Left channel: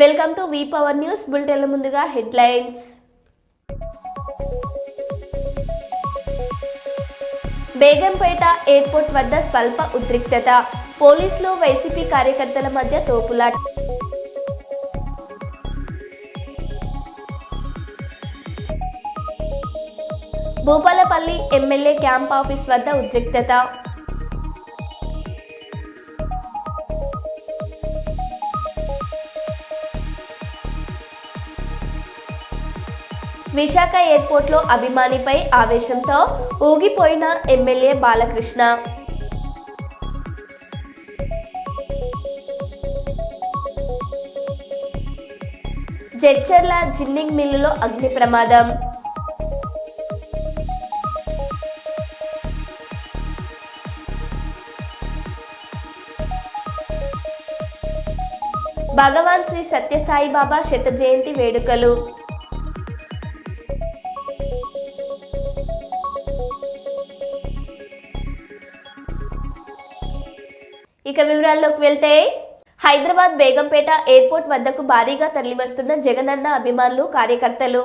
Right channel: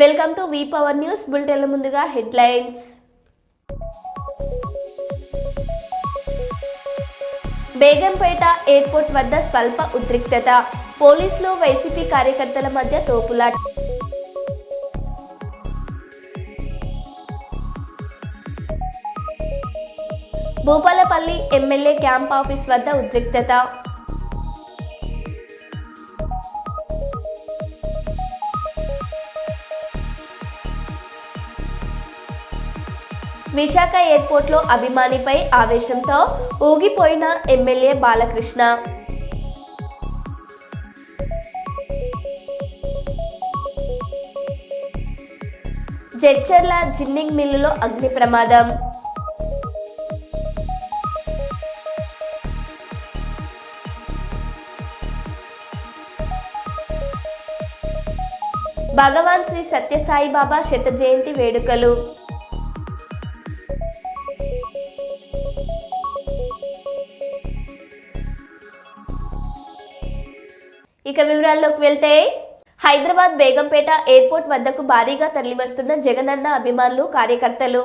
Welcome to V power news బులెటిన్ల ముందుగా headlines. Begumpet airport వద్ద స్వల్ప ఉద్రిక్తత, పోలీసులు వైసీపీ కార్యకర్తల మధ్య తోపులాట. భూపాలపల్లి ఎమ్మెల్యే క్యాంప్ ఆఫీస్ వద్ద ఉద్రిక్తత. విశాఖ ఎయిర్పోర్ట్లో అభిమానిపై ఆవేశంతో ఊగిపోయిన ఎమ్మెల్యే బాలకృష్ణ. జడ్చర్ల జిన్నింగ్ మిల్లులో అగ్ని ప్రమాదం. భగవాన్ శ్రీ సత్యసాయిబాబా శత జయంతి వేడుకలు. ఇక వివరాల్లోకి వెళ్తే, హైదరాబాద్ బేగంపేట ఎయిర్పోర్ట్ వద్దకు భారీగా తరలివస్తున్న జగనన్న అభిమానులు, కార్యకర్తలు.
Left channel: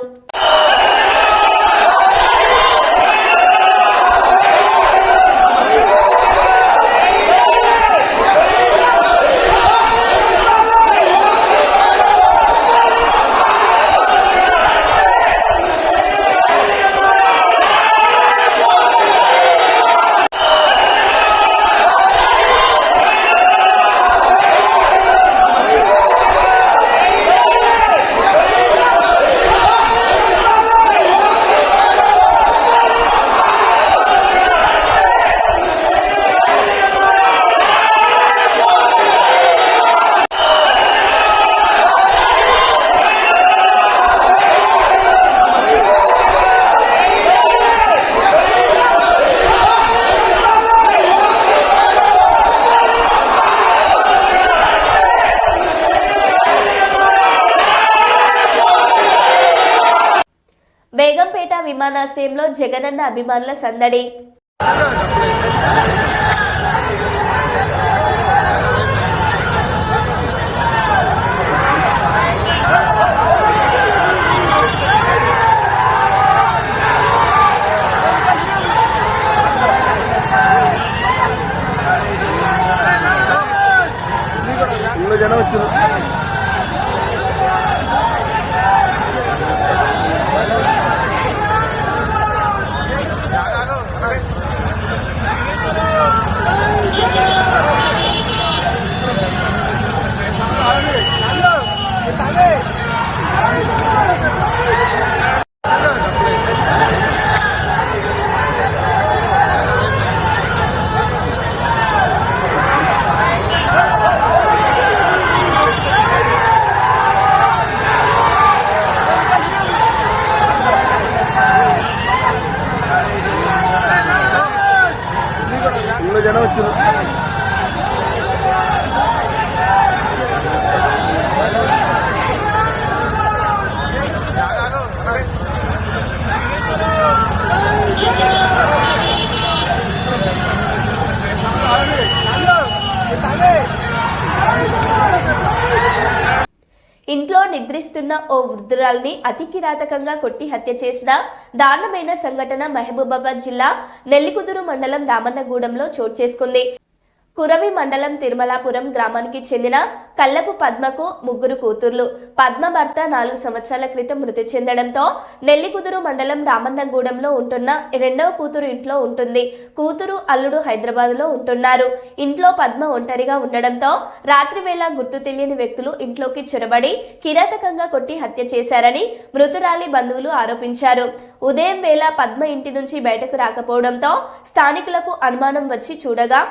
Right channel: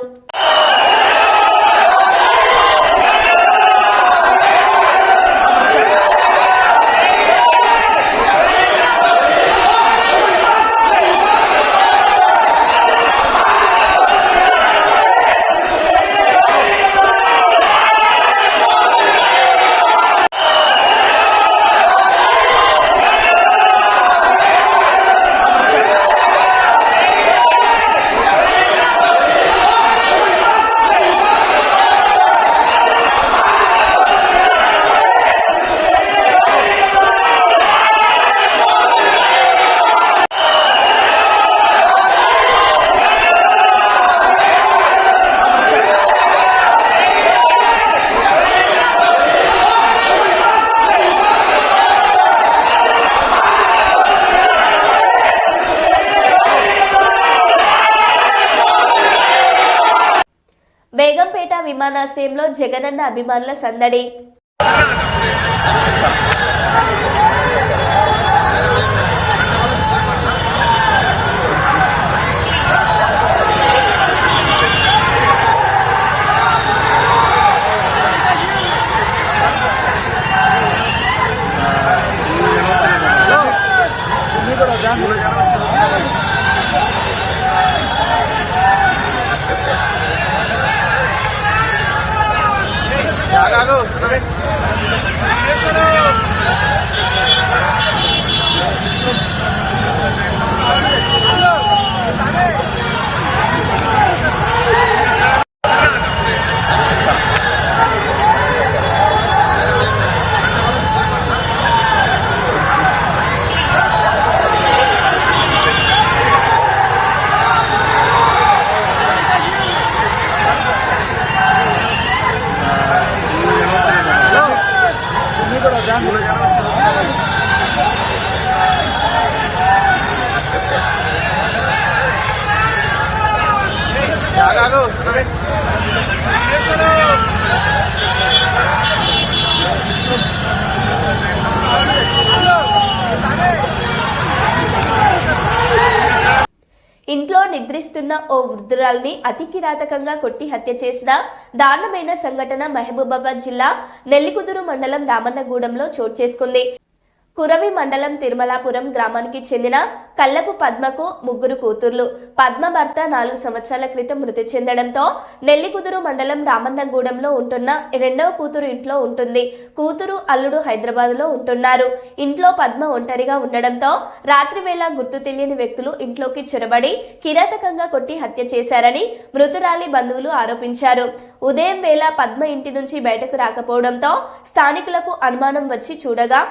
బేగంపేట విమానాశ్రయంలో జగనన్న అభిమానుల సందడి. ఇంట్లో నిద్రిస్తున్న ఓ వృద్ధురాల్ని అతి కిరాతకంగా కొట్టి హత్య చేసిన దారుణమైన సంఘటన మహబూబాబాద్ జిల్లా నెల్లికుదురు మండలం రామన్నగూడెంలో చోటు చేసుకుంది. కురవి మండలం తిరుమలాపురం గ్రామానికి చెందిన కల్లపు పద్మకు ముగ్గురు కూతుర్లు. పద్మ భర్త 4 సంవత్సరాల క్రితం మృతి చెందడంతో నెల్లికుదురు మండలం రామన్నగూడెంలో ఉంటున్న రెండవ కూతురు ఇంట్లో ఉంటుంది. కూతురు, అల్లుడు హైదరాబాద్లో ఉంటున్నారు. ఇంట్లో పద్మ ఒంటరిగా ఉండడంతో రాత్రి వేళ గుర్తు తెలియని వ్యక్తులు ఇంట్లోకి చొరబడి కిరాతకంగా కొట్టి హత్య చేశారని మృతురాలి బంధువులు ఆరోపించారు. ఉదయం వేళ పద్మ ఇంటి నుంచి బయటకు రాకపోవడంతో స్థానికులకు అనుమానం వచ్చి చూడగా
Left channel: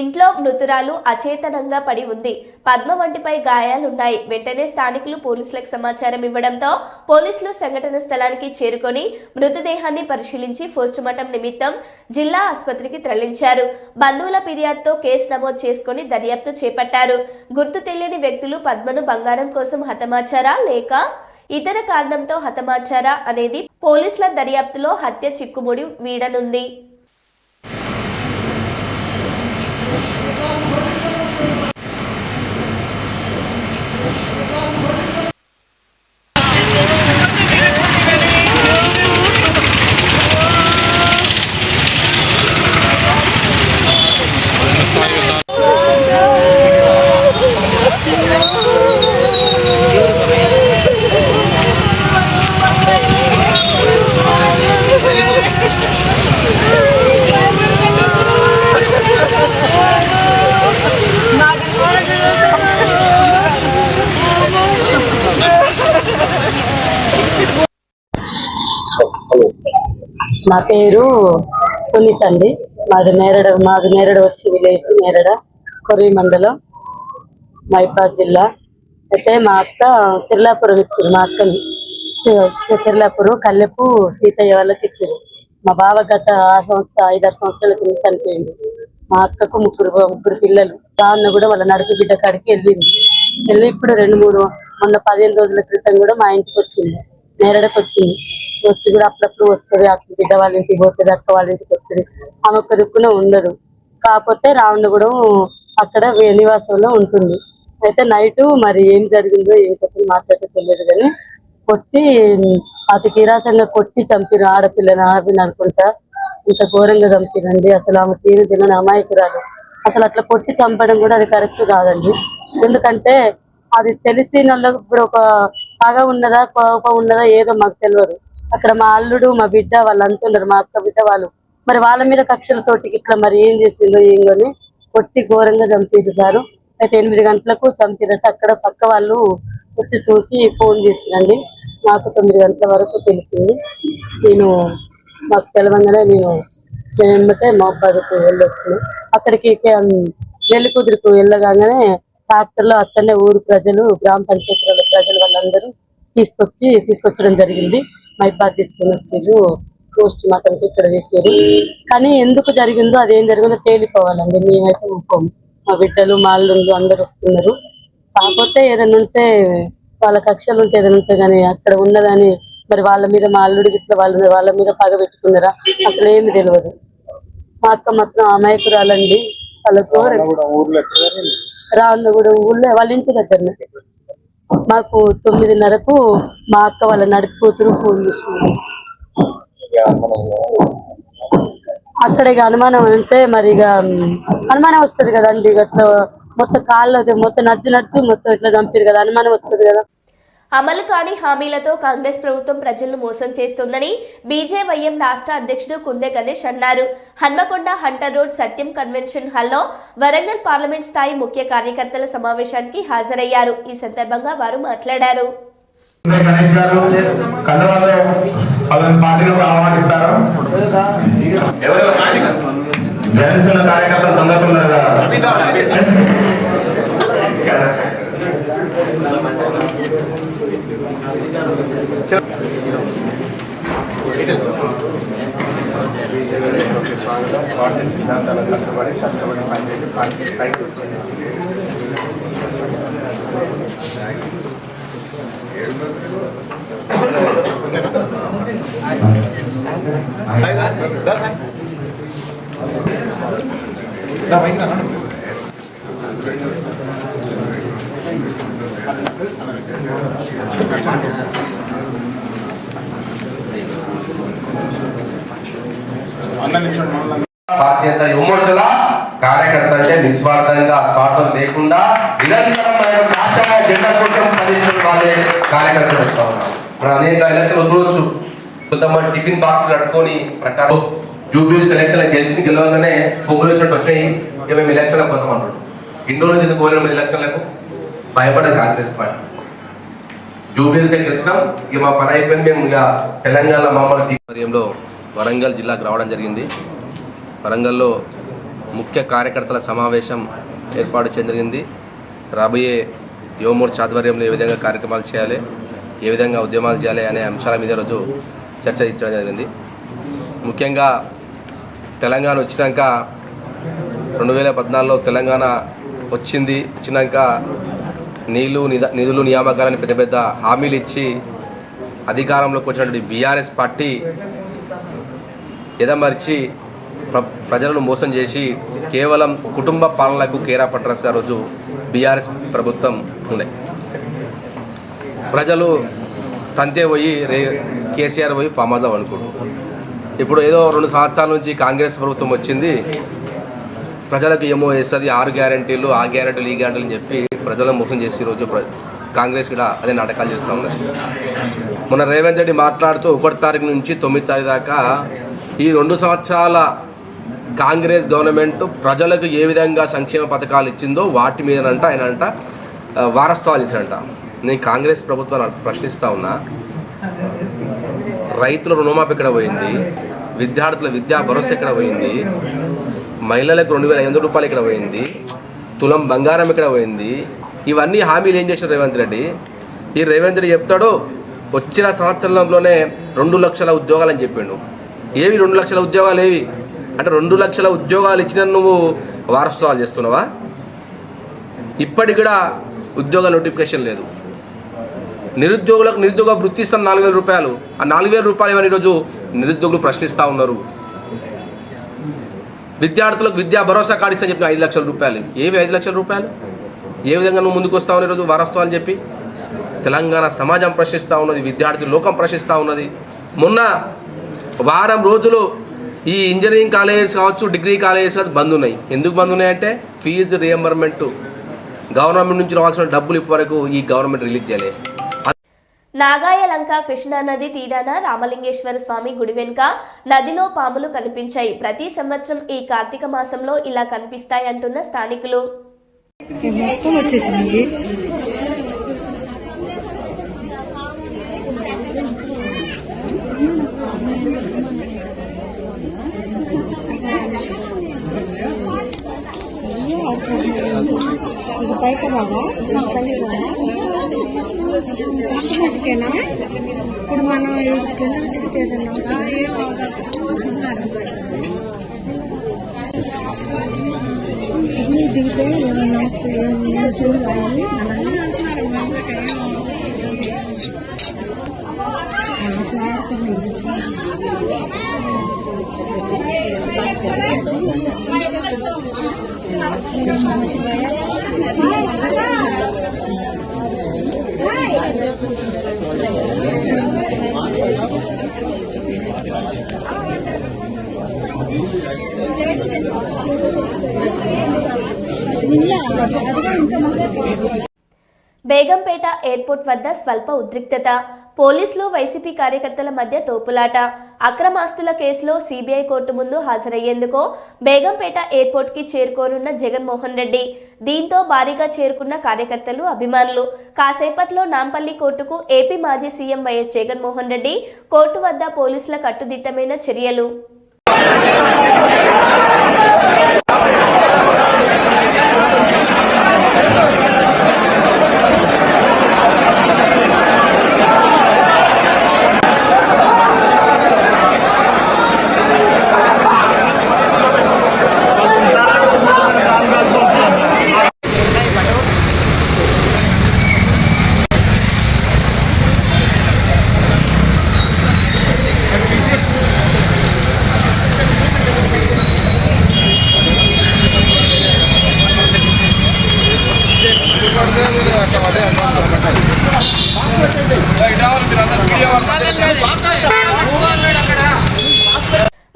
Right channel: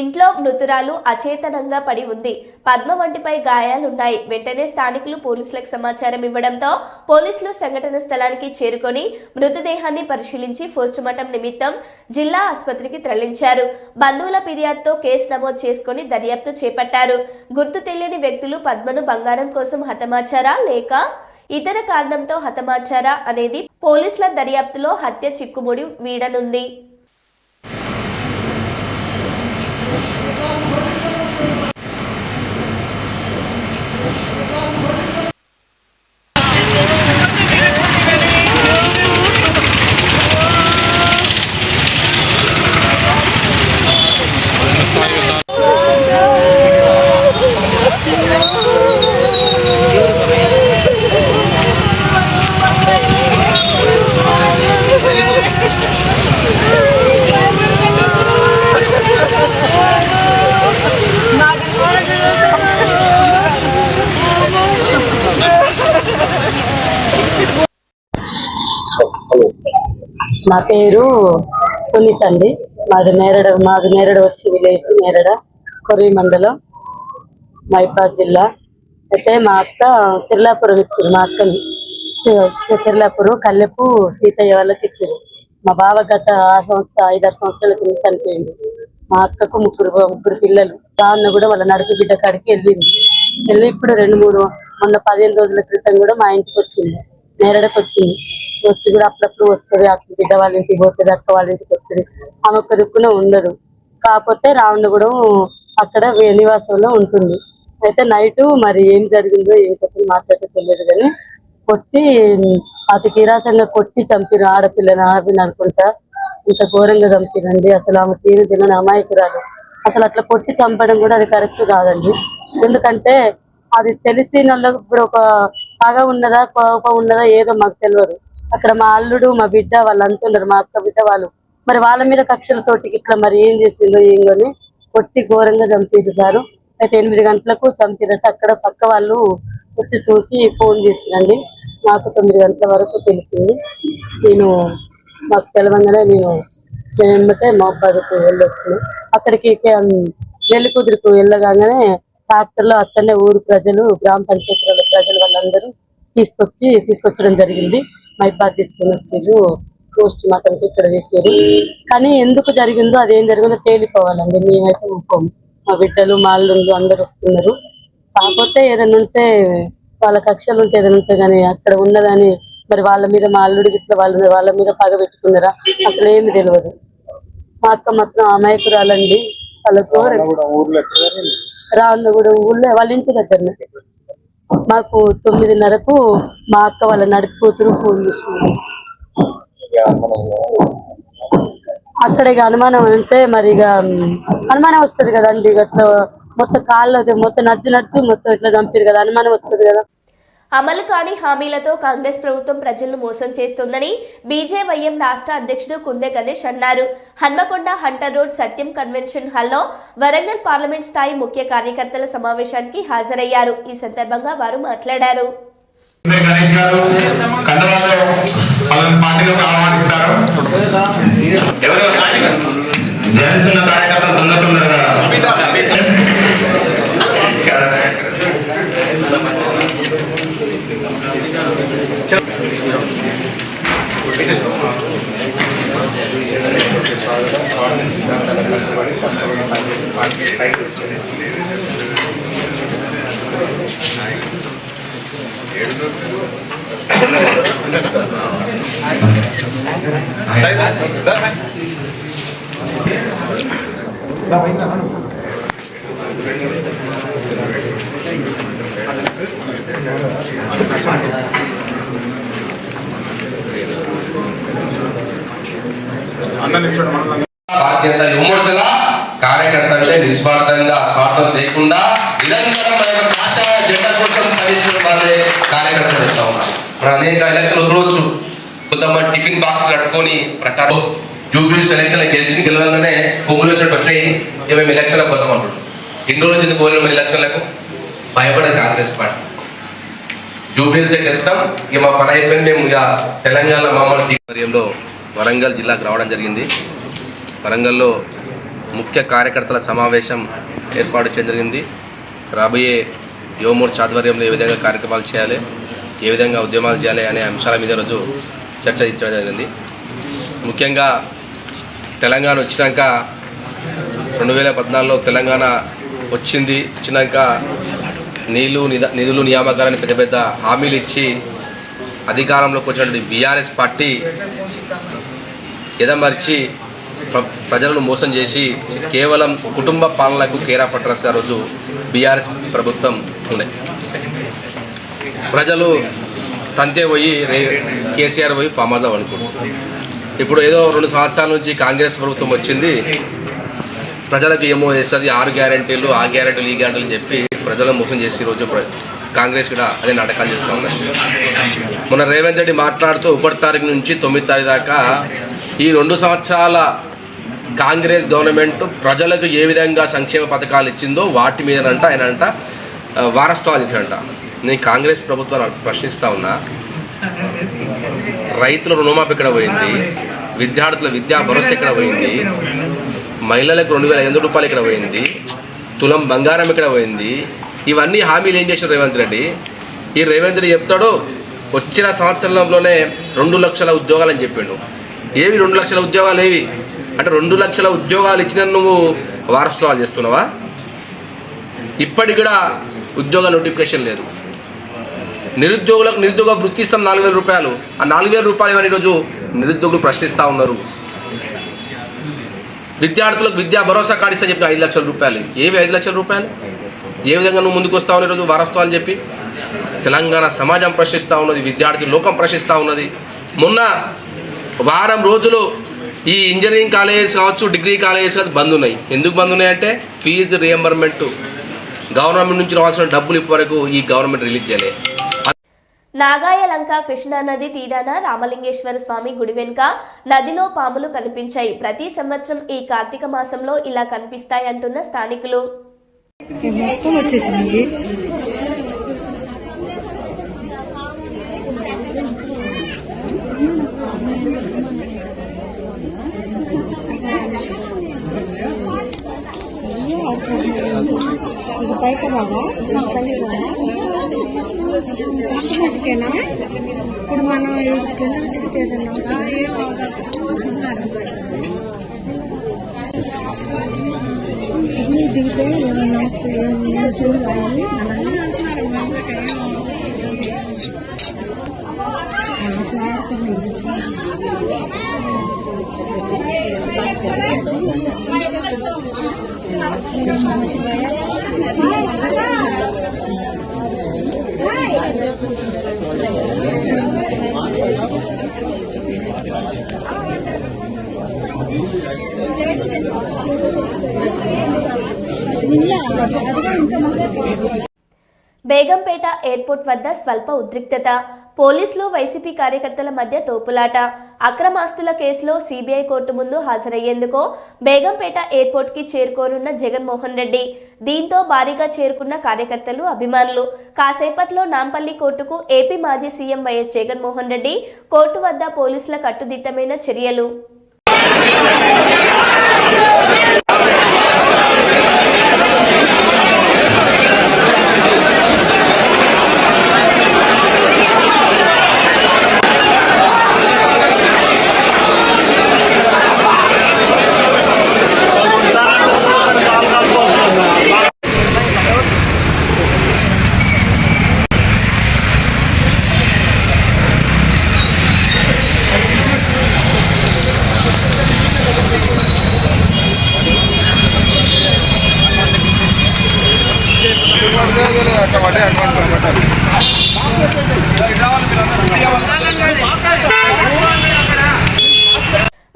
ఇంట్లో మృతురాలు అచేతనంగా పడి ఉంది. పద్మ వంటిపై గాయాలున్నాయి. వెంటనే స్థానికులు పోలీసులకు సమాచారం ఇవ్వడంతో పోలీసులు సంఘటన స్థలానికి చేరుకొని మృతదేహాన్ని పరిశీలించి పోస్టుమార్టం నిమిత్తం జిల్లా ఆసుపత్రికి తరలించారు. బంధువుల ఫిర్యాదుతో కేసు నమోదు చేసుకుని దర్యాప్తు చేపట్టారు. గుర్తు తెలియని వ్యక్తులు పద్మను బంగారం కోసం హతమార్చారా లేక ఇతర కారణంతో హతమార్చారా అనేది పోలీసుల దర్యాప్తులో హత్య చిక్కుముడి వీడనుంది. నా పేరు సునీత అండి. మాది నేరడ వచ్చి విలేజ్ నేరడ కొర్రి మండలం మైబాద్ జిల్లా. అయితే మా అక్క తిర్లాపురం ఇచ్చారు. మా అక్కని తిర్లాపురం కల్లెపు సీతయ్య వాళ్ళకి ఇచ్చారు. మా బావ గత 5-6 సంవత్సరాల కింద చనిపోయింది. మా అక్కకు ముగ్గురు పిల్లలు. దాన్ని కూడా వాళ్ళ నడుపు బిడ్డ కాడికి వెళ్ళి ఇప్పుడు 2-3 మొన్న 15 రోజుల క్రితం కూడా మా ఇంటికి వచ్చింది. నేరడకు వచ్చింది. వచ్చి కూడా అప్పుడప్పుడు వస్తుంది. అక్క బిడ్డ వాళ్ళ ఇంటికి పోతుంది, అక్క వాళ్ళ ఇంటికి వస్తుంది. ఆమె ఒక్క దిక్కున ఉండదు. కాకపోతే రావణగూడెం అక్కడ నివాసంలో ఉంటుంది. అయితే నైట్ మరి ఏం జరిగిందో ఏం చెప్పి మాట్లాడితే తెలియదు కానీ కొట్టి అతి కిరాతంగా కొట్టి చంపిన ఆడపిల్లని ఆవిని అనుకుంటా. ఇంత ఘోరంగా చంపినండి. అసలు ఆమె తీరు తినని అమాయకురాలు. అసలు అట్లా కొట్టి చంపడం కూడా అది కరెక్ట్ కాదండి. ఎందుకంటే అది తెలిసిన వాళ్ళకి ఇప్పుడు ఒక పగ ఉన్నదా కోపం ఉన్నదా ఏదో మాకు తెలియదు. అక్కడ మా అల్లుడు మా బిడ్డ వాళ్ళంతా ఉన్నారు. మా అక్క బిడ్డ వాళ్ళు మరి వాళ్ళ మీద కక్షలతోటి ఇట్లా మరి ఏం చేసిందో ఏంగని కొట్టి ఘోరంగా చంపేసారు. అయితే 8 గంటలకు చంపినట్టు అక్కడ పక్క వాళ్ళు వచ్చి చూసి ఫోన్ చేసిందండి. నాకు 9 గంటల వరకు తెలిసింది. మాకు తెలవంగానే నేను ఏమంటే మహబాద్కు వెళ్ళొచ్చు. అక్కడికి నెల్లికుదురుకు వెళ్ళగానే ట్రాక్టర్లో అక్కడనే ఊరు ప్రజలు, గ్రామ పంచాయతీ ప్రజలు వాళ్ళందరూ తీసుకొచ్చడం జరిగింది. మైబాద్ తీసుకొని వచ్చారు. పోస్ట్ మార్టంకి ఇక్కడ వేసారు. కానీ ఎందుకు జరిగిందో అదేం జరిగిందో తేలిపోవాలండి. మేమైతే ఒప్పుకోము. మా బిడ్డలు మా అల్లుళ్ళు అందరు వస్తున్నారు. కాకపోతే ఏదైనా ఉంటే వాళ్ళ కక్షలు ఉంటే ఏదైనా ఉంటే కానీ అక్కడ ఉన్నదని మరి వాళ్ళ మీద మా అల్లుడికి ఇట్లా వాళ్ళ మీద పగ పెట్టుకున్నారా అసలు ఏమి తెలియదు. మా అక్క మాత్రం అమాయకురాలండి. వాళ్ళకు రావణగూడెం ఊళ్ళో వాళ్ళ ఇంటి దగ్గర మాకు 9:30కు మా అక్క వాళ్ళ నడిపి కూతురు ఫోన్ చేసింది. అక్కడ ఇక అనుమానం అంటే మరి ఇక అనుమానం వస్తుంది కదండి. ఇక మొత్తం కాళ్ళు మొత్తం నడిచి మొత్తం ఇట్లా చంపారు కదా, అనుమానం వస్తుంది కదా. అమలు కాని హామీలతో కాంగ్రెస్ ప్రభుత్వం ప్రజలను మోసం చేస్తోందని బీజేవైఎం రాష్ట్ర అధ్యక్షుడు కుందె గణేష్ అన్నారు. హన్మకొండ హంటర్ రోడ్ సత్యం కన్వెన్షన్ హాల్లో వరంగల్ పార్లమెంట్ స్థాయి ముఖ్య కార్యకర్తల సమావేశానికి హాజరయ్యారు. ఈ సందర్భంగా వారు మాట్లాడారు. పార్టీ సిద్ధాంతాల కష్టపడి పనిచేసి పార్టీ పైకి తీసుకుంది. బాధ్యత యువమోర్చల కార్యకర్త అంటే నిస్వార్థంగా స్వార్థం లేకుండా నిరంతరం భాషగా జెండా కోసం పనిచేస్తున్న వాళ్ళే కార్యకర్తలు వస్తూ ఉన్నారు. మనం అనేక ఎలక్షన్లు వదలవచ్చు. కొంతమంది టిఫిన్ బాక్స్ కట్టుకొని ప్రకారం జూబ్లీస్ ఎలక్షన్లు గెలవగానే కొమ్ములు వచ్చినట్టు వచ్చినాయి. మేము ఎలక్షన్లకు పోతాం అంటారు. ఎన్ని రోజులు ఎందుకు పోలేము ఎలక్షన్లకు? భయపడదు కాంగ్రెస్ పార్టీ. జూబ్లీస్ గెలిచినాం, ఇక మా పని అయిపోయింది. మేము ఇక తెలంగాణ మమ్మల్ని ఆధ్వర్యంలో వరంగల్ జిల్లాకు రావడం జరిగింది. వరంగల్లో ముఖ్య కార్యకర్తల సమావేశం ఏర్పాటు చేయడం జరిగింది. రాబోయే యువమోర్చా ఆధ్వర్యంలో ఏ విధంగా కార్యక్రమాలు చేయాలి, ఏ విధంగా ఉద్యమాలు చేయాలి అనే అంశాల మీద రోజు చర్చించడం జరిగింది. ముఖ్యంగా తెలంగాణ వచ్చినాక 2014లో తెలంగాణ వచ్చినాక నిధులు నియామకాలని పెద్ద పెద్ద హామీలు ఇచ్చి అధికారంలోకి వచ్చినటువంటి బీఆర్ఎస్ పార్టీ ఎదమర్చి ప్రజలను మోసం చేసి కేవలం కుటుంబ పాలనకు కేరా పట్రస్గా రోజు బీఆర్ఎస్ ప్రభుత్వం ఉండే. ప్రజలు తంతే పోయి కేసీఆర్ పోయి ఫామ్ హౌస్లో అనుకుంటారు. ఇప్పుడు ఏదో 2 సంవత్సరాల నుంచి కాంగ్రెస్ ప్రభుత్వం వచ్చింది, ప్రజలకు ఏమో వేస్తుంది, 6 గ్యారెంటీలు ఆ గ్యారెంటీలు ఈ గ్యారెంటీలు అని చెప్పి ప్రజలను మోసం చేసి ఈరోజు కాంగ్రెస్ కూడా అదే నాటకాలు చేస్తూ ఉన్నారు. మొన్న రేవంత్ రెడ్డి మాట్లాడుతూ 1 తారీఖు నుంచి 9 తారీఖు దాకా ఈ 2 సంవత్సరాల కాంగ్రెస్ గవర్నమెంట్ ప్రజలకు ఏ విధంగా సంక్షేమ పథకాలు ఇచ్చిందో వాటి మీదనంట ఆయన వారసత్వాలు ఇచ్చారంట. నేను కాంగ్రెస్ ప్రభుత్వాన్ని ప్రశ్నిస్తూ ఉన్నా, రైతుల రుణమాఫీ ఎక్కడ పోయింది, విద్యార్థుల విద్యా భరోసా ఇక్కడ పోయింది, మహిళలకు 2,500 రూపాయలు ఇక్కడ పోయింది, తులం బంగారం ఇక్కడ పోయింది. ఇవన్నీ హామీలు ఏం చేశారు రేవంత్ రెడ్డి? ఈ రేవంత్ రెడ్డి చెప్తాడు వచ్చిన సంవత్సరంలోనే 2 లక్షల ఉద్యోగాలు అని చెప్పిండు. ఏవి 2 లక్షల ఉద్యోగాలు ఏవి అంటే 2 లక్షల ఉద్యోగాలు ఇచ్చిన నువ్వు వారసత్వాలు చేస్తున్నావా? ఇప్పటికి కూడా ఉద్యోగ నోటిఫికేషన్ లేదు. నిరుద్యోగులకు నిరుద్యోగ వృత్తి ఇస్తాం 4,000 రూపాయలు. ఆ 4,000 రూపాయలు అని ఈరోజు నిరుద్యోగులు ప్రశ్నిస్తూ ఉన్నారు. విద్యార్థులకు విద్యా భరోసా కార్డు ఇస్తా చెప్పిన 5 లక్షల రూపాయలు. ఏవి 5 లక్షల రూపాయలు? ఏ విధంగా నువ్వు ముందుకు వస్తావు ఈరోజు వారసత్వాలు చెప్పి? తెలంగాణ సమాజం ప్రశ్నిస్తూ ఉన్నది, విద్యార్థి లోకం ప్రశ్నిస్తూ ఉన్నది. మొన్న వారం రోజులు ఈ ఇంజనీరింగ్ కాలేజెస్ కావచ్చు, డిగ్రీ కాలేజెస్ కావచ్చు బంద్ ఉన్నాయి. ఎందుకు బంద్ ఉన్నాయంటే ఫీజు రియంబర్మెంట్ గవర్నమెంట్ నుంచి రావాల్సిన డబ్బులు ఇప్పటివరకు ఈ గవర్నమెంట్ రిలీజ్ చేయలేదు. నాగాయలంక కృష్ణానది తీరాన రామలింగేశ్వర స్వామి గుడి వెనుక నదిలో పాములు కనిపించాయి. ప్రతి సంవత్సరం ఈ కార్తీక మాసంలో ఇలా కనిపిస్తాయి అంటున్న స్థానికులు. మొత్తం వచ్చేసింది. ఇది పైకి రావా తల్లి మట్టుకేనా? ఇప్పుడు మనం కింద దిగితే ఏమన్నా చూడాలి బేగంపేట ఎయిర్పోర్ట్ వద్ద స్వల్ప ఉద్రిక్తత. పోలీసులు వైసీపీ కార్యకర్తల మధ్య తోపులాట. అక్రమాస్తుల కేసులో సిబిఐ కోర్టు ముందు హాజరయ్యేందుకు బేగంపేట ఎయిర్పోర్ట్ కి చేరుకోనున్న జగన్మోహన్ రెడ్డి. దీంతో భారీగా చేరుకున్న కార్యకర్తలు, అభిమానులు. కాసేపట్లో నాంపల్లి కోర్టుకు ఏపీ మాజీ CM YS Jaganmohan Reddy. Court వద్ద పోలీసుల కట్టుదిట్టమైన చర్యలు.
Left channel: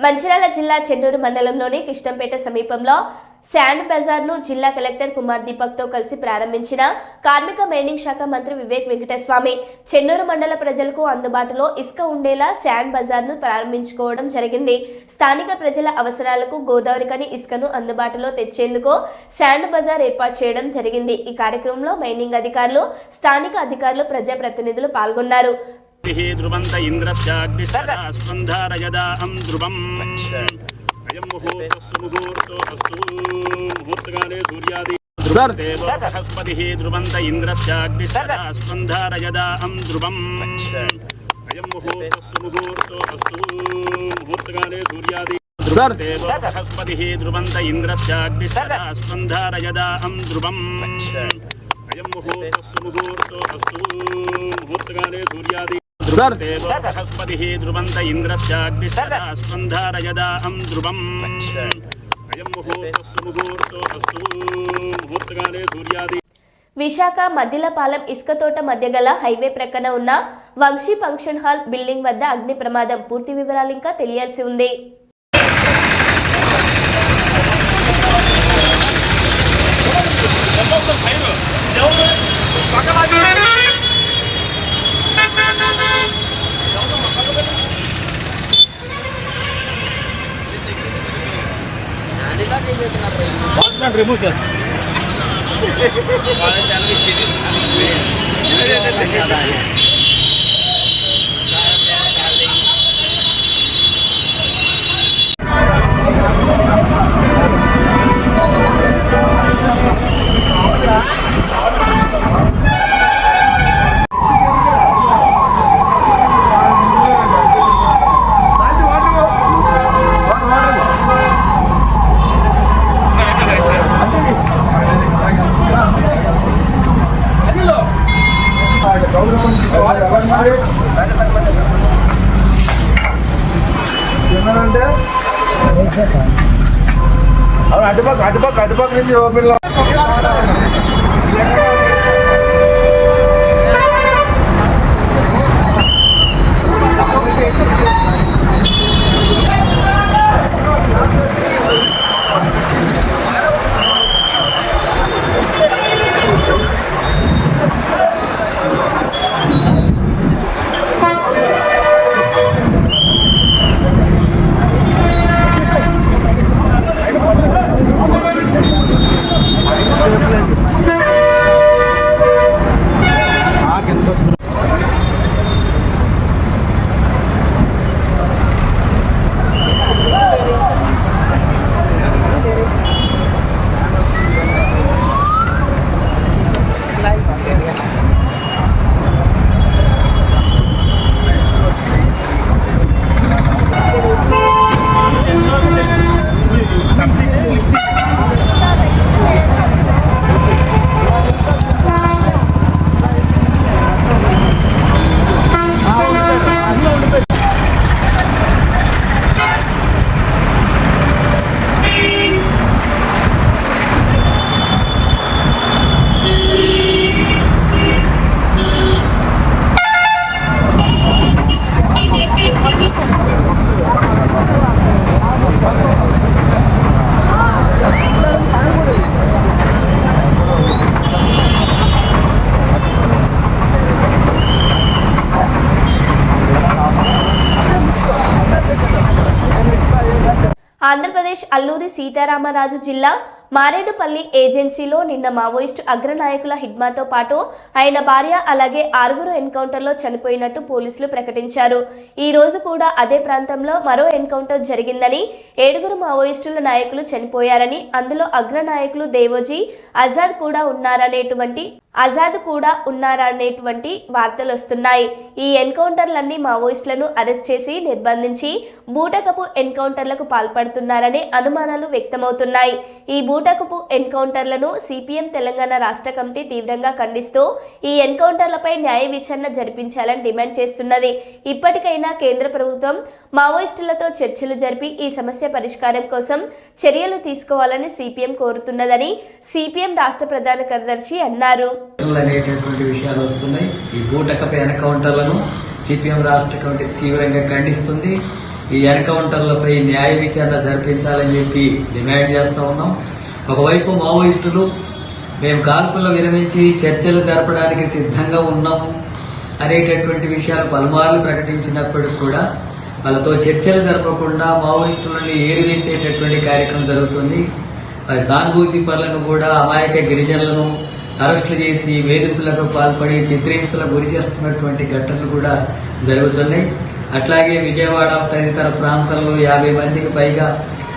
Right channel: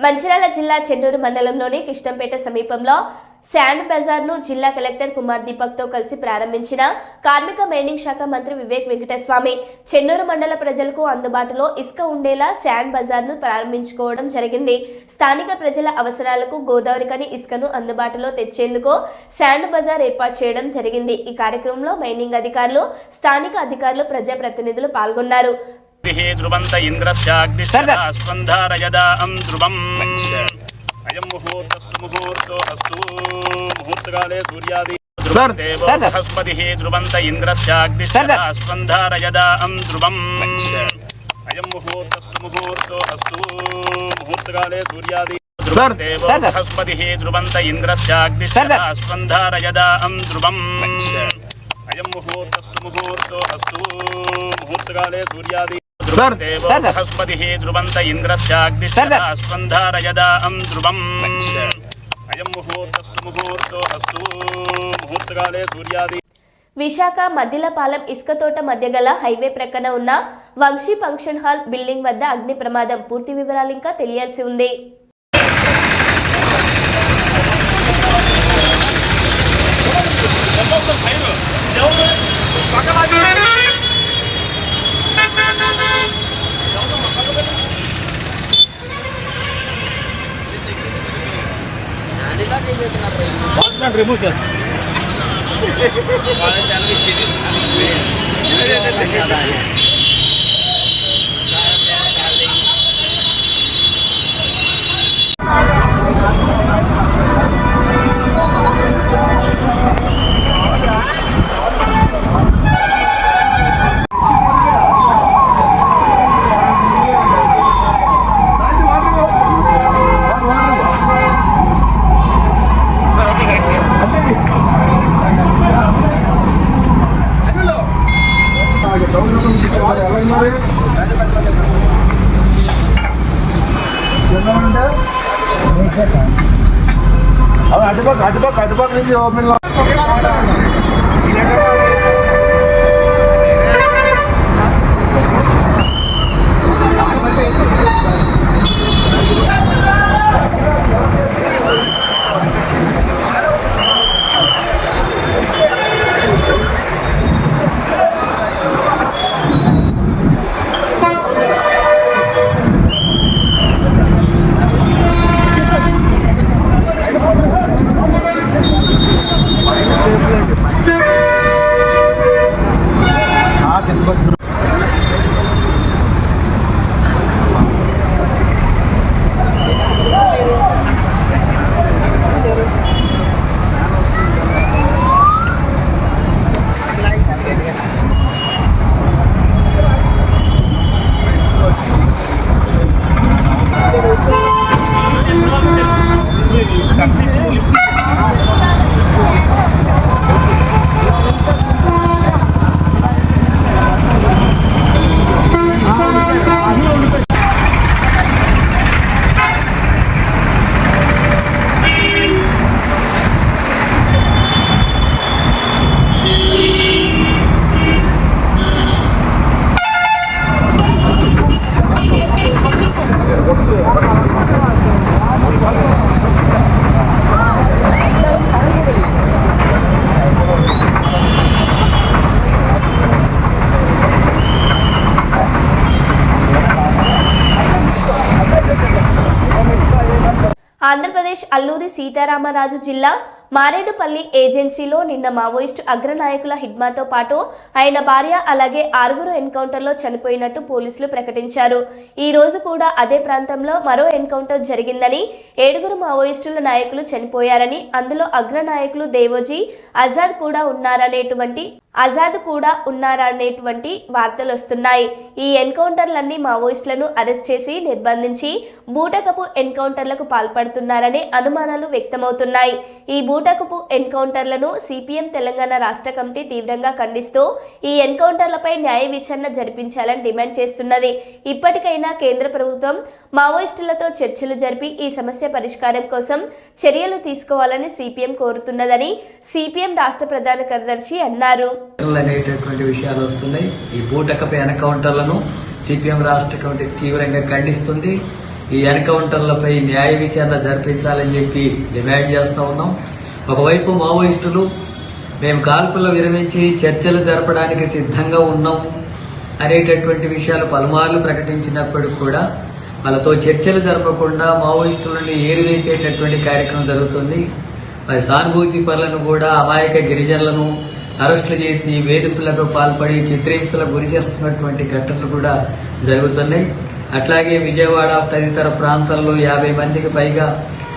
మంచిర్యాల జిల్లా చెన్నూరు మండలంలోని కృష్ణంపేట సమీపంలో శాండ్ బజార్ను జిల్లా కలెక్టర్ కుమార్ దీపక్ తో కలిసి ప్రారంభించిన కార్మిక మైనింగ్ శాఖ మంత్రి వివేక్ వెంకటస్వామి చెన్నూరు మండల ప్రజలకు అందుబాటులో ఇసుక ఉండేలా శాండ్ బజార్ను ప్రారంభించుకోవడం జరిగింది. స్థానిక ప్రజల అవసరాలకు గోదావరికని ఇసుకను అందుబాటులో తెచ్చేందుకు శాండ్ బజార్ ఏర్పాటు చేయడం జరిగింది. ఈ కార్యక్రమంలో మైనింగ్ అధికారులు, స్థానిక అధికారులు, ప్రజాప్రతినిధులు పాల్గొన్నారు. ధ్రువంత ఇంద్రశ్చాగ్నిస్పంధారయదాం ధ్రువం అయం ముహూర్తో అస్తు ముహూర్తకాలే సూర్యాది బృహస్పతి ధ్రువంత ఇంద్రశ్చాగ్నిస్పంధారయదాం ధ్రువం అయం ముహూర్తో అస్తు ముహూర్తకాలే సూర్యాది బృహస్పతి ధ్రువంత ఇంద్రశ్చాగ్నిస్పంధారయదాం ధ్రువం అయం ముహూర్తో అస్తు ముహూర్తకాలే సూర్యాది బృహస్పతి ధ్రువంత ఇంద్రశ్చాగ్నిస్పంధారయదాం ధ్రువం అయం ముహూర్తో అస్తు ముహూర్తకాలే సూర్యాది. విశాఖ మద్దిలపాలెం ఇసుక తోట మధ్య గల హైవే ప్రక్కన ఉన్న వంశీ ఫంక్షన్ హాల్ బిల్డింగ్ వద్ద అగ్ని ప్రమాదం. పూర్తి వివరాలు ఇంకా తెలియాల్సి ఉంది. రిమూవ్ చేస్తాం. అటుపక్క నుంచి ఓపెన్ లో ఆంధ్రప్రదేశ్ అల్లూరి సీతారామరాజు జిల్లా మారేడుపల్లి ఏజెన్సీలో నిన్న మావోయిస్టు అగ్రనాయకుల హిడ్మాతో పాటు ఆయన భార్య అలాగే 6 ఎన్కౌంటర్లో చనిపోయినట్టు పోలీసులు ప్రకటించారు. ఈ రోజు కూడా అదే ప్రాంతంలో మరో ఎన్కౌంటర్ జరిగిందని, 7 మావోయిస్టుల నాయకులు చనిపోయారని, అందులో అగ్రనాయకులు దేవోజీ ఆజాద్ కూడా ఉన్నారనేటువంటి వార్తలు వస్తున్నాయి. ఈ ఎన్కౌంటర్లన్నీ మావోయిస్టులను అరెస్ట్ చేసి నిర్బంధించి బూటకపు ఎన్కౌంటర్లకు పాల్పడుతున్నారనే అనుమానాలు వ్యక్తమవుతున్నాయి. ఈ బూటకపు ఎన్కౌంటర్లను సిపిఎం తెలంగాణ రాష్ట్ర కమిటీ తీవ్రంగా ఖండిస్తూ ఈ ఎన్కౌంటర్లపై న్యాయ విచారణ జరిపించాలని డిమాండ్ చేస్తున్నది. ఇప్పటికైనా కేంద్ర ప్రభుత్వం మావోయిస్టులతో చర్చలు జరిపి ఈ సమస్య పరిష్కారం కోసం చర్యలు తీసుకోవాలని సిపిఎం కోరుతున్నదని సిపిఎం రాష్ట్ర ప్రధాన కార్యదర్శి అన్నారు. అనేటటువంటి విషయాలు వస్తున్నాయి. ఈ బూటకపు ఎన్కౌంటర్లను సిపిఎం రాష్ట్ర కమిటీ తీవ్రంగా ఖండిస్తుంది. ఈ ఎన్కౌంటర్లపై న్యాయ విచారణ జరిపించాలని చెప్పి డిమాండ్ చేస్తా ఉన్నాం. ఒకవైపు మావోయిస్టులు మేము కాల్పులు విరమించి చర్చలు జరపడానికి సిద్ధంగా ఉన్నాం అనేటటువంటి విషయాలు పలుమార్లు ప్రకటించినప్పటికీ కూడా వాళ్ళతో చర్చలు జరపకుండా మావోయిస్టులని ఏరివేసేటటువంటి కార్యక్రమం జరుగుతుంది. సానుభూతి పరులను కూడా అమాయక గిరిజనులను అరెస్టులు చేసి వేధింపులకు పాల్పడి చిత్రహింసలకు గురి చేస్తున్నటువంటి ఘటనలు కూడా జరుగుతున్నాయి. అట్లాగే విజయవాడ తదితర ప్రాంతాల్లో 50 మందికి పైగా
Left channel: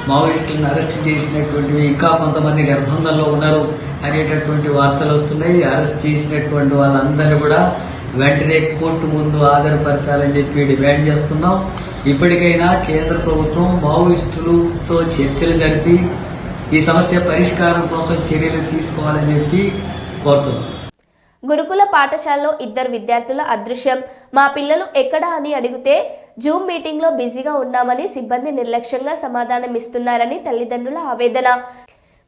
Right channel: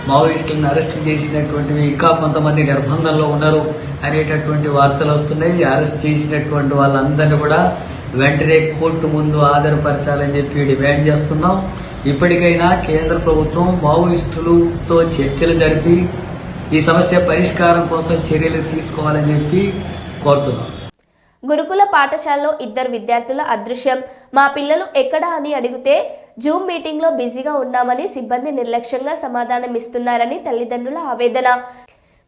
మావోయిస్టులను అరెస్టు చేసినటువంటివి, ఇంకా కొంతమంది నిర్బంధంలో ఉన్నారు అనేటటువంటి వార్తలు వస్తున్నాయి. అరెస్ట్ చేసినటువంటి వాళ్ళందరినీ కూడా వెంటనే కోర్టు ముందు హాజరుపరచాలని చెప్పి డిమాండ్ చేస్తున్నాం. ఇప్పటికైనా కేంద్ర ప్రభుత్వం మావోయిస్టులతో చర్చలు జరిపి ఈ సమస్య పరిష్కారం కోసం చర్యలు తీసుకోవాలని చెప్పి కోరుతున్నాం. గురుకుల పాఠశాలలో 2 విద్యార్థుల అదృశ్యం. మా పిల్లలు ఎక్కడా అని అడిగితే జూమ్ మీటింగ్లో బిజీగా ఉన్నామని సిబ్బంది నిర్లక్ష్యంగా సమాధానం ఇస్తున్నారని తల్లిదండ్రుల ఆవేదన.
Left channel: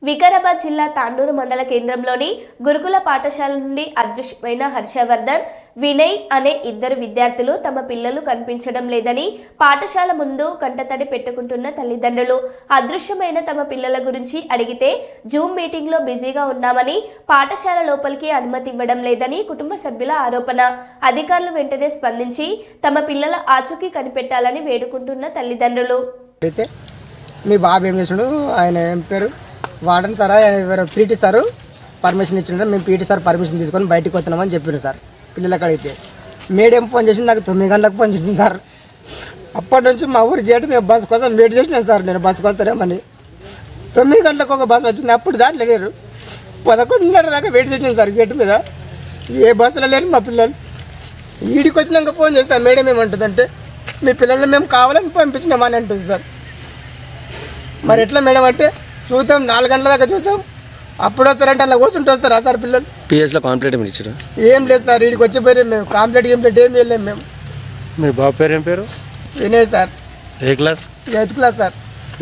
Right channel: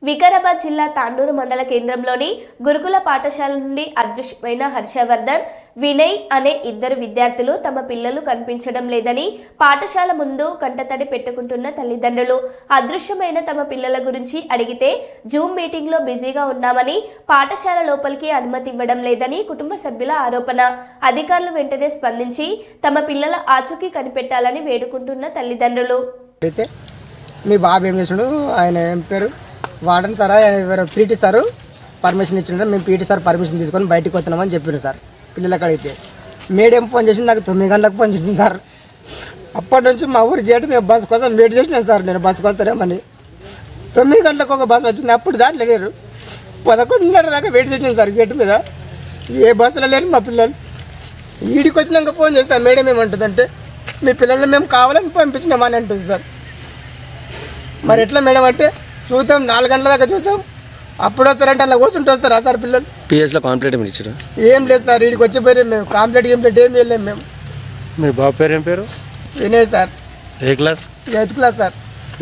వికారాబాద్ జిల్లా తాండూరు మండల కేంద్రంలోని గురుకుల పాఠశాల నుండి అదృశ్యమైన హర్షవర్ధన్, వినయ్ అనే 2 విద్యార్థులు తమ పిల్లలు కనిపించడం లేదని పాఠశాల ముందు కంటతడి పెట్టుకుంటున్న తల్లిదండ్రులు. అదృశ్యమైన తమ పిల్లల గురించి అడిగితే జూమ్ మీటింగ్లో బిజీగా ఉన్నామని, పాఠశాల లోపలికి అనుమతి ఇవ్వడం లేదని కుటుంబ సభ్యుల ఆరోపణ. అధికారులు వెంటనే స్పందించి తమ పిల్లల ఆచూకీ కనిపెట్టాలని వేడుకుంటున్న తల్లిదండ్రులు. అయితే మీ బాబు ఏం చేసాడు, ఆయన ఏం పేరు warden sir, PT sir permission ఇచ్చిండు. మేము పీటీ సార్ పర్మిషన్ తీసుకొని బయటకు వస్తున్నామని చెప్పారు సార్. పిల్లలకి అడిగితే మేడం ఫోన్ చేసింది, నాకు 9 గంటలకు ఫోన్ చేసింది సార్. అప్పటి నుంచి మా ఊరి గేటు మేము బస్సు కోసం వెయిట్ చేసినాం సార్. నేను బస్సుకు వస్తారేమని 9 గంటలకు ఒక బస్సు వచ్చింది. అప్పుడు దాంట్లో లేరు. 11:30 దాకా వెయిట్ చేసినాం సార్ గేటు మీద. ఏ బస్సులో లేరు మా పిల్లలు. ఈడికి వచ్చినాక ఫోన్ చేస్తాను. మేడం ఏమంటుందంటే మీ పిల్లల్ని మేము కావాలని పంపించినామని అంటుంది సార్. మరి ఎట్లా మేడం అంటే చూద్దాం, 4 గంటల దాకా చూద్దాం, అప్పుడు వస్తారంటే అలా కూర్చుంటూ వస్తారా సార్ పిల్లలు? పిఎస్లో కాంప్లీట్ ఏమి ఇచ్చారు? ఏం లేదు సార్, వీడికి వచ్చిపోయారు. మేము కాంప్లీట్ ఏం వెళ్ళాము మేము. మీ బాబు పేరు ఏం పేరు? వినయ్ సార్. ఏ క్లాస్? 8th class sir.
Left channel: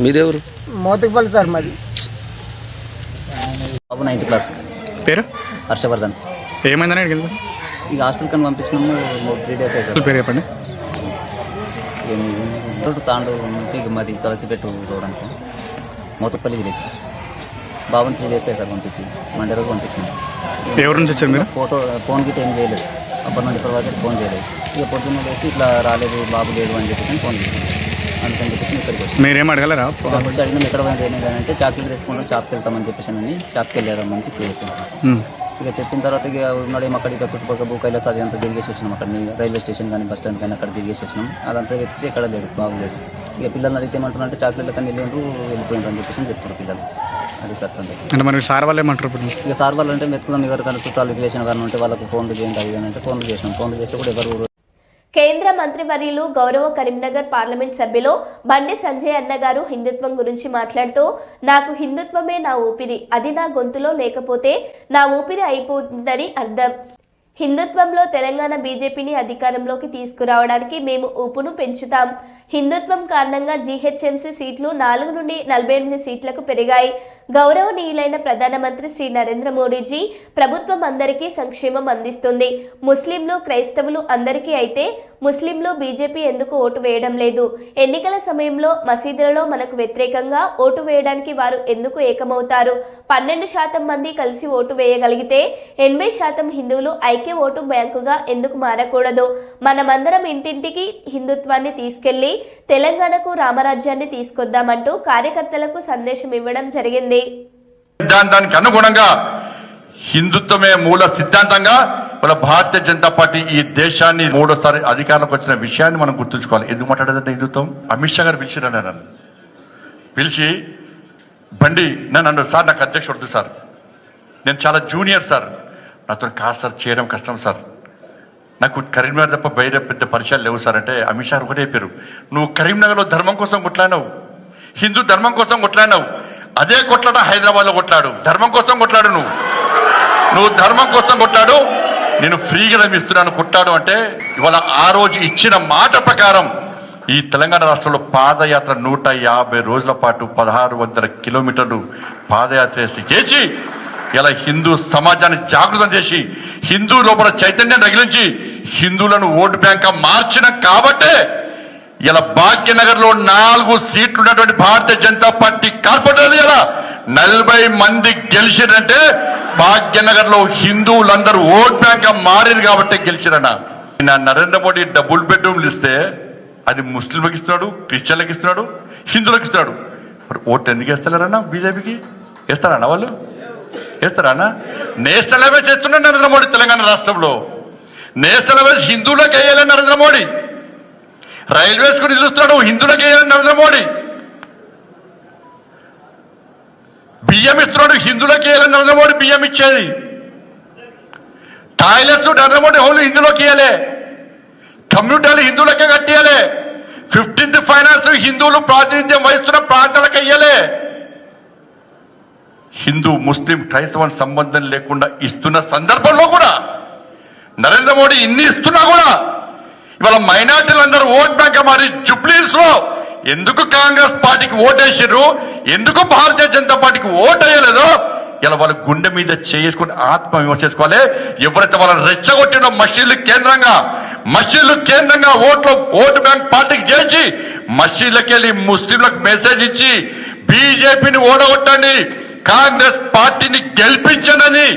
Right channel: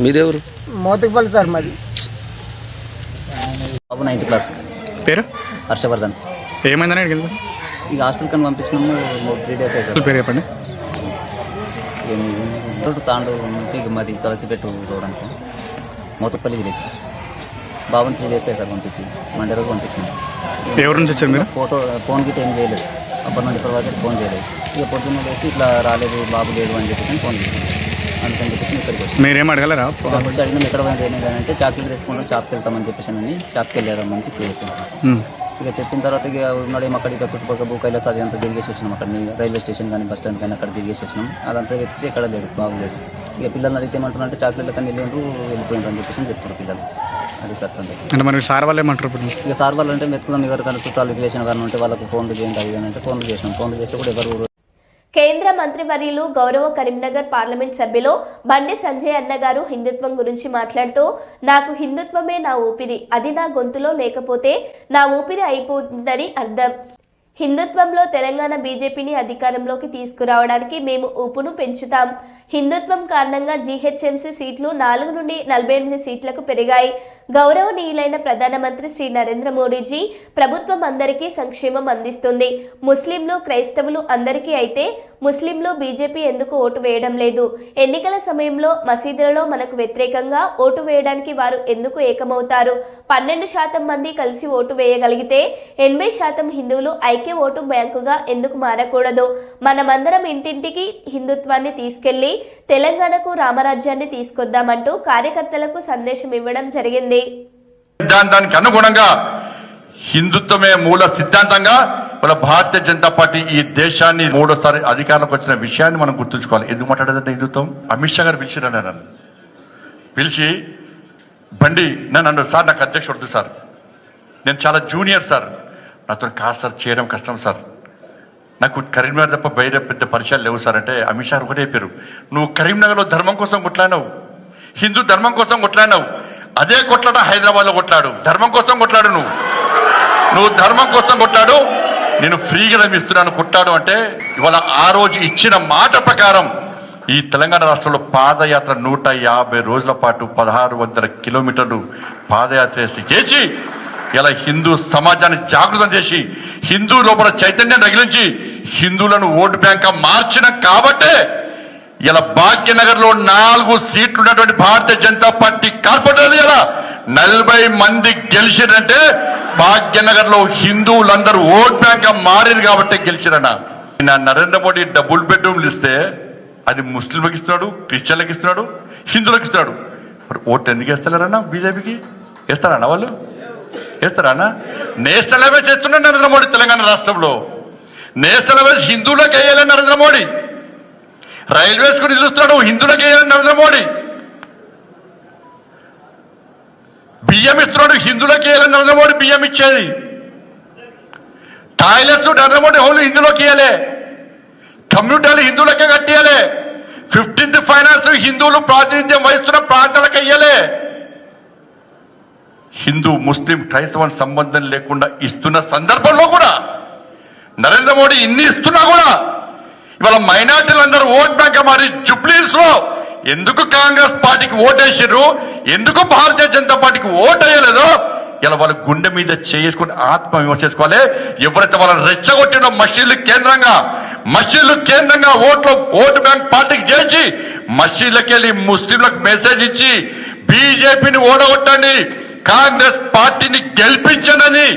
మీదేవరు? మోతకుపల్లి సార్ మాది. బాబు 9th క్లాస్. పేరు హర్షవర్ధన్. ఏమైందని అడిగింది? ఇక హాస్టల్ కని పంపించినాము 3 days అవుతుంది. పేరు చెప్పండి. ఏమి తాండూరు నుంచి ఇక మాది సలసిపెట్టు రోడ్ అంటే మోతపల్లి విలేజ్. బాబుని 3 days అవుతుంది సార్ పంపించి. మండే రోజు పంపించినాం. ఎవరి నుంచి వచ్చారు మీరు? ఫోన్ గిట్ ఏం చేయలేదు. అప్పటి నుండి ఇప్పటి వరకు ఫోన్ చేయలేదు. ఇక పొద్దున్న వచ్చి ఇట్లా రాలేదు బాబు లేదు అని చెప్పేసి ఫోన్ చేసాను. అందుకని చెప్పేసి ఇక్కడికి వచ్చి మీరేం అడగలరా? వచ్చి అడిగినాం ఎక్కడ పోయింది అంటే చాక్లెట్ తెచ్చుకుంటాం షాప్కి వెళ్తామని చెప్పేసి అని షాప్కి వెళ్ళారు మంచి క్లియర్. ఇక చెప్పిన తర్వాత ఇక ఉన్నాడేమో అక్కడ ఇక్కడ చుట్టుపక్కల భూకైలాస్ అది అంతా తిరిగేసి వచ్చినాం. అక్కడ రైల్వే స్టేషన్ కానీ బస్ స్టాండ్ కానీ అక్కడ తిరిగేసి వచ్చినాం. అదంతా వెతికితే ఎక్కడ లేదు, బాగులేదు. ఇక పిల్లల్ని అడిగితే ఏమంటున్నారంటే చాక్లెట్లు కానీ వెళ్ళిపోయినారు అని చెప్పేసి చెప్తారు పిల్లలు. అది సార్ సందేహం. అంటే మరి సార్ వాళ్ళు ఏమంటారు ఇప్పుడు? ఇక సార్ వాళ్ళు అంటే వెతుకుదాం ఎవరికైనా చుట్టాలు రిలేషన్ కానీ ఉంటే వాళ్ళకు ఫోన్లు చేయండి అది అంటే ఫోన్లు చేసినాం. ఫోన్లు చేస్తే కూడా ఎవరు. కేంద్ర మంత్రివర్యులు గౌరవ కరీంనగర్ పార్లమెంట్ సభ్యులు బండి సంజయ్ అన్న గారు హిందుత్వం గురించి మాట్లాడుతూ, నాకు హిందుత్వమే నా ఊపిరి, అది నా గొంతులో లేకపోతే నా ఊపిరి అయిపోతుందని అర్థం. హిందుత్వంలో తెలంగాణ బీజేపీని అధికారంలోకి తీసుకురావడానికి మేము ఊపును పెంచుతాం. హిందుత్వం కారణంగా జీహెచ్ఎంసీ సీట్లు 4 నుండి 48 సీట్లకు పెరిగాయి. గౌరవనీయులైన ప్రధానమంత్రి శ్రీ నరేంద్ర మోడీజీ ప్రభుత్వం అందరికీ సంక్షేమం అందిస్తుంది. ముస్లింలు క్రైస్తవులు అందరికీ అయితే ముస్లింలు బీజేపీ ఎందుకు ఓటు వేయడం లేదు? ఎన్నికల సమయంలో మసీదులలో మనకు వ్యతిరేకంగా ఓటు వేయడానికి వారు ఎందుకు ఏకమవుతారు? 12% మంది కలిసి ఓటు వేయగలిగితే 80% హిందువులు ఐక్య ఓటు బ్యాంకుగా ఎందుకు మారకూడదు? మనమందరం ఇంటింటికి హిందుత్వాన్ని తీసుకెళ్లి తెలంగాణకు రామరాజ్యాన్ని తీసుకొద్దామంటూ కార్యకర్తలకు సందేశం ఇవ్వడం జరిగింది. సిద్ధాంతానికి అనుగుణంగా హిందుత్వమే మూల సిద్ధాంతంగా మన భారతీయ జనతా పార్టీ ఈ దేశాన్ని 3వ అధికారంలోకి వచ్చిన విషయాన్ని మనం గుర్తుంచుకోవాలి. ఎందుకు మాట్లాడేదంటే హిందుత్వం అమిత్ షా గారు పిలిచిరని నన్ను పిలిచి బండి నన్ను అన్నారు, సార్ నాకు అధ్యక్షుడు వద్దు సార్, నేను చాలా జూనియర్ సార్, నాతో కాదు సార్, చేయడం కష్టం సార్, నాకు కరీంనగర్ తప్ప బయట పెద్ద పరిచయాలు లేవు సార్ అంటే అమిత్ షా ఒకటే చెప్పారు, నువ్వు కరీంనగర్లో ధర్మం కోసం కొట్లాడినావు, హిందూ ధర్మం కోసం కొట్లాడినావు, అదే కొట్లాడ హైదరాబాద్లో కొట్లాడు, ధర్మం కోసం కొట్లాడు, నువ్వు ధర్మం కోసం కొట్లాడు, నేను ఫ్రీగా ఇస్తున్నాను కొట్లాడు అంటే ఇవాళ ఆ రోజు ఇచ్చిన మాట ప్రకారం ఈ తెలంగాణ రాష్ట్రంలో పాదయాత్ర 150 రోజుల పాటు 1600 కిలోమీటర్లు పాదయాత్ర చేసి ఇలా హిందూ సమాజాన్ని జాగృతం చేసి హిందూ లోపల చైతన్యం రగిలించి హిందువులను ఓటు బ్యాంక్ మార్చిన కాబట్టే ఇలా భాగ్యనగర్ లో 4 సీట్లు ఉన్నటువంటి భారతీయ జనతా పార్టీ కార్పొరేటర్లు ఇలా 40 మంది గెలిచిరంటే భాగ్యనగర్ లో హిందువులందరూ ఓట్ బ్యాంక్ మారింది కాబట్టి గెలిచిరన్న. నరేంద్ర మోడీ డబుల్ బెడ్రూమ్లు ఇస్తే అది ముస్లింలకు ఇస్తున్నాడు, క్రిస్టియన్లకు ఇస్తున్నాడు, హిందువులకు ఇస్తున్నాడు. మరి ఓటు ఎందుకు వేస్తలేరన్నా? బీజేపీకి వేస్తారన్నా? వాళ్ళు వేస్తారన్నా? నేషనల్ హైవే చేస్తున్నాడు నరేంద్ర మోడీ తెలంగాణ రాష్ట్రంలో. నేషనల్ హైవే హిందువులకు వేయాలని నరేంద్ర మోడీ, రైల్వేస్ కు నిలుస్తున్నాడు, హిందువులకు వేయాలని నరేంద్ర మోడీ. బియ్యం ఇస్తున్నాడు, హిందువులకు వేయాలని నరేంద్ర మోడీ బియ్యం ఇచ్చేది. టాయిలెట్స్ నరేంద్ర మోడీ హోల్ హిందువులకు ఇవ్వలే, కమ్యూనిటీలు హిందువులకే కట్టియాలే, 15th ఫైనాన్స్ హిందువులు ప్రాతినిధ్యం వహిస్తున్న ప్రాంతాలకు ఇయ్యలే. హిందూ ముస్లిం క్రైస్తవ సంబంధం లేకుండా ఇస్తున్న సందర్భంలో కూడా నరేంద్ర మోడీ ఇన్ని ఇస్తున్నా కూడా ఇవాళ మైనార్టీలందరూ ఓట్ బ్యాంక్ మారి జుబ్లీస్ లో ఎందుకు కాంగ్రెస్ పార్టీకి ఓటేసారు, ఎందుకు భారతీయ జనతా పార్టీకి ఓటు వేయలేదో ఇలా వాళ్ళ గుండె మీద చేసుకుని ఆత్మవిమర్శ చేసుకోవాలి. ఎవరైతే వాళ్ళని రెచ్చగొట్టినో మసీదులు కేంద్రంగా ఓటు బ్యాంక్ పార్టీకి చేసి మసీదులకు వెళ్ళి ముస్లింలకు మెసేజ్ ఇచ్చి బీజేపీని ఓడగొట్టండి, కాంగ్రెస్ పార్టీని గెలిపించండి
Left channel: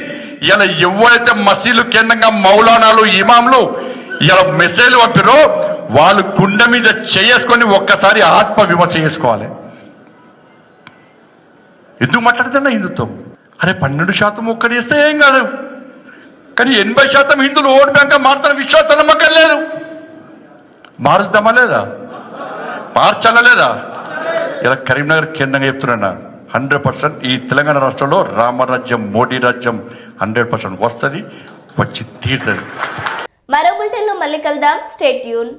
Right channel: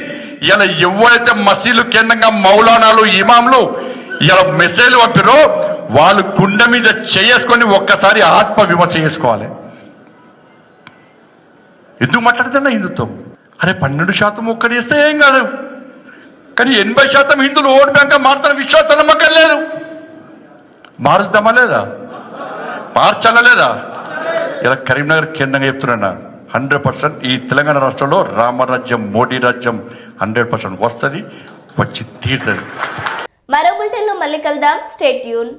ఇలా ఎవరైతే మసీదులు కేంద్రంగా మౌలానాలు ఇమాంలు ఇలా మెసేజ్ పంపారో వాళ్ళు గుండె మీద చేసుకొని ఒక్కసారి ఆత్మవిమర్శ చేసుకోవాలి. ఎందుకు మాట్లాడుతున్నా హిందుత్వం? అరే 12% ఒక్కటి ఇస్తే ఏం కాదు, కానీ 80% హిందువులు ఓటు బ్యాంక్ మారుతున్న విశ్వాసం నమ్మకం లేదు. మారుస్తామా లేదా? మార్చాలా లేదా? ఇలా కరీంనగర్ కేంద్రంగా చెప్తున్నా 100% ఈ తెలంగాణ రాష్ట్రంలో రామరాజ్యం మోడీ రాజ్యం 100% వస్తుంది, వచ్చి తీరుతుంది. మరో బులెటిన్లో మళ్ళీ కలుద్దాం. Stay tune.